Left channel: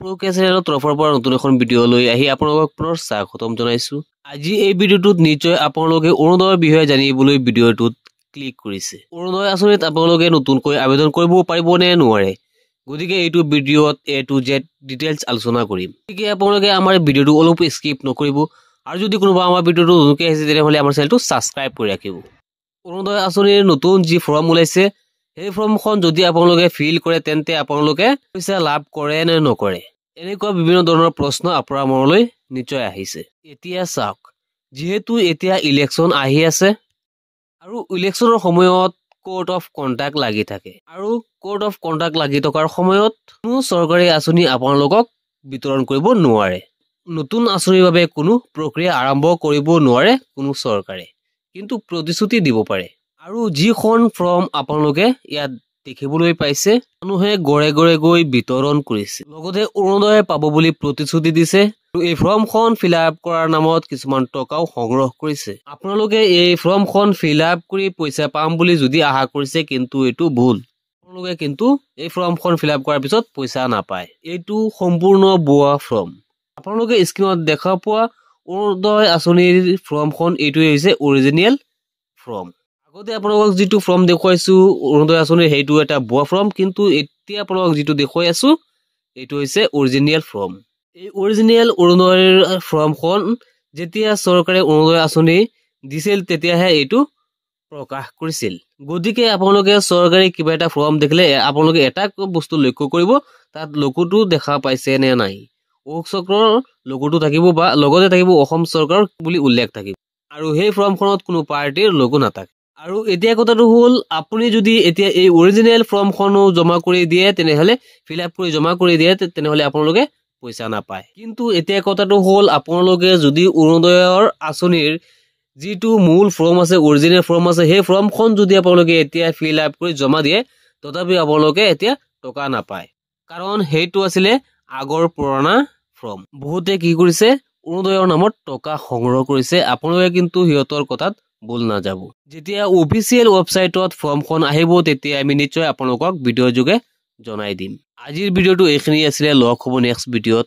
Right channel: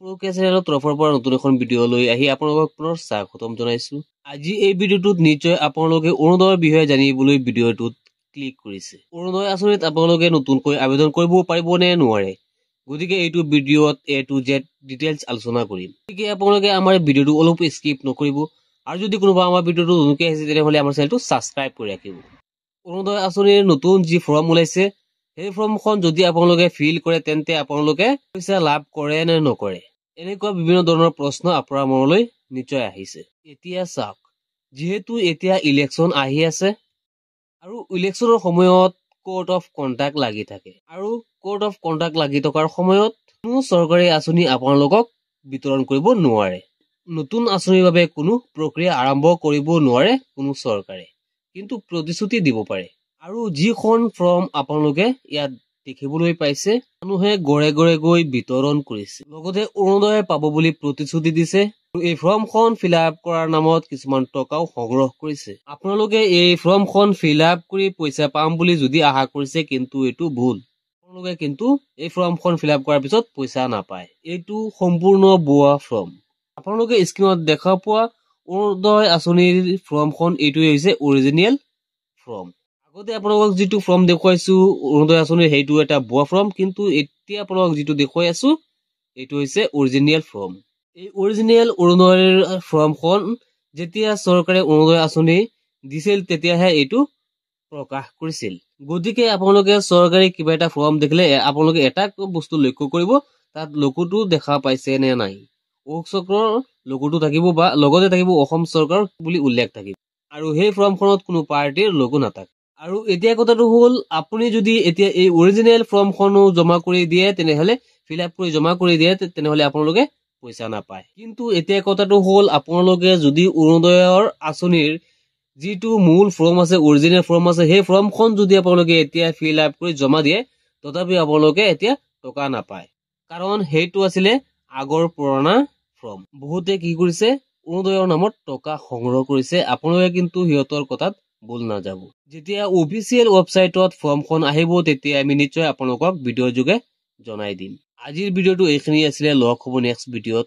প্ৰকে চেনেলৰ তৰফৰ পৰা নতুন এখন ভিডিঅ' লৈ আহি আপোনালোকক পুনৰ স্বাগতম জনাইছো। আজি এই ভিডিঅ'টোত নিশ্চয় আপোনালোকে অৰুণোদয়ৰ বিষয়ে জানিবলৈ ভিডিঅ'টোত ক্লিক কৰিছে। অৰুণোদয় আঁচনিত আপোনালোকে নতুনকৈ আবেদন কৰিব পাৰিব নে নোৱাৰে, গতিকে এইটো ভিডিঅ'ত A to Z ডিটেইলছ আলোচনা কৰিম। গতিকে আপোনালোকে আমাৰ ভিডিঅ'টো অলপ স্কিপ নকৰিব, আৰু যদি কোনোবা আমাৰ ভিডিঅ'টো নতুনকৈ আহিছে তেনেহ'লে আমাৰ চেনেলটো ছাবস্ক্ৰাইব কৰি ৰাখিব। অৰুণোদয় আঁচনিৰ নতুন যি ফৰ্ম ওলাইছে, সেই ফৰ্মখন যদি আপোনালোকে ফিল কৰে তেন্তে আপোনালোকে পইচা লাভ কৰে নে নকৰে, এনেকুৱা বিভিন্ন ধৰণৰ প্ৰশ্ন আপোনাৰ মনলৈ নিশ্চয় আহিছে। এতিয়া চাওক, যিহেতু এতিয়া ইলেকশ্যন আহি আছে আৰু ইলেকশ্যনৰ সময়ত কোড অফ কণ্ডাক্ট লাগি থাকে, আৰু কোড অফ কণ্ডাক্ট লাগি থকাৰ সময়ত কোনো চৰকাৰী আঁচনি আপোনালোকক বিতৰণ কৰিব নোৱাৰে। নতুন আঁচনিৰ বাবে কোনো প্ৰক্ৰিয়া আৰম্ভ কৰিব নোৱাৰে কোনো চৰকাৰে, কিন্তু প্ৰতিশ্ৰুতি দিব পাৰে। আৰু যিখন ফৰ্ম আপোনালোকে ইয়াত দেখিবলৈ পাইছে, মানুহে ঘৰে ঘৰে গৈ বিতৰণ কৰিছে, লগতে অৰুণোদয় পাব বুলি প্ৰতিশ্ৰুতি দিছে, আৰু এই ফৰ্মখন ফিল আপ কৰাৰ নামত কিছুমান টকাও সংগ্ৰহ কৰিছে। আপোনালোকে এই ফৰ্মখন ফিল আপ কৰি পইচা পাম বুলি যদি আশা কৰিছে, কিন্তু এইটো ভুল। আপোনালোকে কিন্তু এই ফৰ্মখন ফিল আপ কৰাৰ পিছত পইচা নাপায়। এইটো সম্পূৰ্ণ ভুৱা ফৰ্ম। আপোনালোকে স্ক্ৰীনত দেখা পোৱা অৰুণোদয় আঁচনিৰ ফৰ্মখন এইটোৱে হৈছে অৰিজিনেল ফৰ্ম। আগতে আপোনালোকক যিটো ফৰ্ম দেখুৱাইছো অৰুণোদয় আঁচনিৰ, সেইটো এটা ভুৱা ফৰ্ম, কিন্তু এতিয়া আপোনালোকক যিটো দেখুৱাই আছো এইটো হৈছে অৰিজিনেল ফৰ্ম। এই অৰিজিনেল অৰুণোদয়ৰ ফৰ্মখন যেতিয়া চৰকাৰে অৰুণোদয় আঁচনি দিছিল তেতিয়াহে এইটো প্ৰকাশ কৰিছিল। গতিকে আপোনালোকে চৰকাৰী কিবা এটা ফৰ্ম দেখিলে আপোনালোকে এটা বস্তু লক্ষ্য কৰিব, তাত লোগোটো দেখা পাইছে নে নাই। অশোক চক্ৰৰ লোগোটো থাকিব, বা লগতে থাকিব অসম চৰকাৰ বুলি উল্লেখ থাকিব, আৰু সেই ফৰ্মখনত কোনো পাৰ্টিৰ লোগো নাথাকে। আৰু এতিয়া কথাটো হ'ল, আপুনি যদি এতিয়া এই অৰিজিনেল ফৰ্মখনো জমা কৰি দিয়ে, তেনেহ'লে ফিল আপ কৰি জমা কৰি দিয়ে, তেনেহ'লে আপোনালোকে পইচা নাপায়। কিন্তু এতিয়া কথাটো হ'ল, আপোনালোকে যদি অৰুণোদয়ৰ আঁচনিৰ যিটো মূল ফৰ্ম আছে, অৰিজিনেল ফৰ্ম আছে, সেই ফৰ্মখন যদি আপোনালোকে এতিয়া ফিল আপ কৰি জমা দিয়ে, তথাপি আপোনালোকে এতিয়া টকা নাপায়, কাৰণ সেইটো আছিলে আগৰ পুৰণা ফৰ্ম। বহুতে কি কৰিছে, অৰুণোদয়ৰ নামত টকা সংগ্ৰহ কৰিছে। আপোনালোকে কিন্তু সিহঁতৰ কথাত ভুল নাযাব। যেতিয়া অফিচিয়েল ৱেবছাইটত ফৰ্মখন আহিব, তেতিয়া আমি নিশ্চয় আপোনালোকক ভিডিঅ' যোগে জনাই দিম। আজিৰ ভিডিঅ'টো এইখিনি আছিলে, লগ হ'ব নেক্সট ভিডিঅ'ত।